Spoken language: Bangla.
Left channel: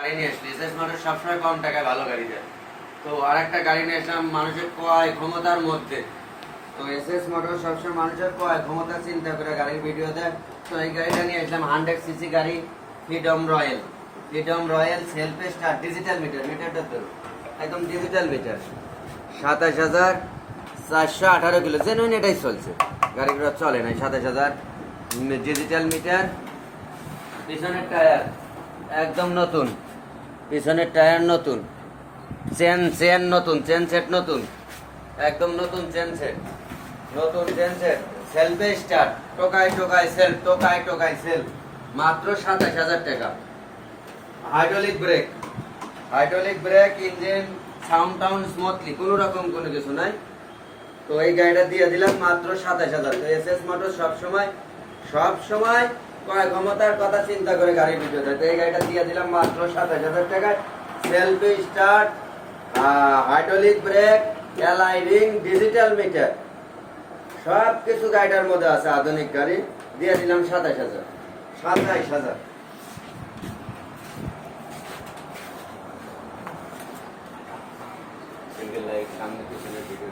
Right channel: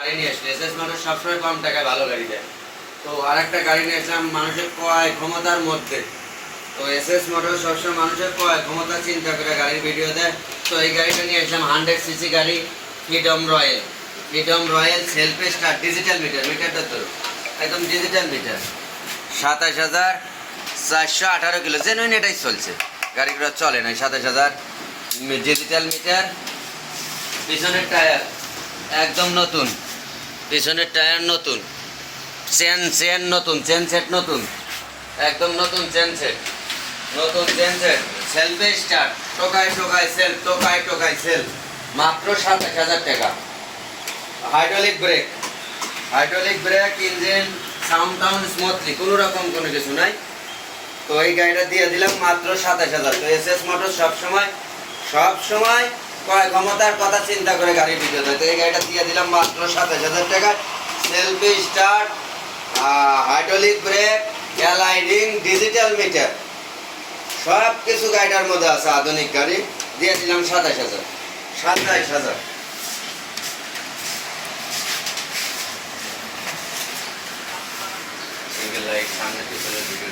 গাড়ি নিয়ে আসলে এসএস মোটর সবসময় কম টাকায় ভালো গাড়ি দেয়। তো আরেকটা গাড়ি নিয়ে আসলাম মানুষের ক্রয় ক্ষমতার মধ্যে। তো এসএস মোটর সবসময় মানুষের ক্রয় ক্ষমতা চিন্তা করে গাড়ির ভিডিও দেয়। তো এই গাড়িটা নিয়ে আসলাম 100 সিসি গাড়ি, freedom royal. Freedom royal self start digital meter, মিটারটা তো একদম ডিজিটাল মিটার। 27,418 কিলো, জেনুইন এটাই চলছে, গাড়িগুলো চলে না। 27,000 ডিজিটাল মিটার। পিছনের টায়ার একদম নতুন, পিছনের টায়ার নতুন, চেন নতুন, চেন সেট নতুন, একদম নতুন চেন সেট, নতুন চেন সেট। সেলফে স্টার্ট, টোকায় টোকায় সেলফ, টোকায় টোকায় সেলফ, মাত্র 27,000 টাকা। Hydraulic brake, hydraulic brake, engine sound টাউন স্মুথলি, কোনো রকম কোনো কিছু নাই। তো এই গাড়িটা দিয়ে দিলাম মাত্র 27,000। তো এসএস মোটর সব সময় ক্রয় ক্ষমতার কথা চিন্তা করে গাড়ি ভিডিও দেয়। তো এই গাড়িটা দিয়ে দিলাম মাত্র 27,000 টাকা। সেলফি স্টার্ট, হাইড্রোলিক ব্রেক, এলআইডিং, ডিজিটাল মিটার, সব কিছু গাড়িটার মধ্যে আছে। আধুনিক গাড়ি দিয়ে দিলাম 27,000। 27,000। সিঙ্গেল লাইট সামনে পিছনে ভিডিও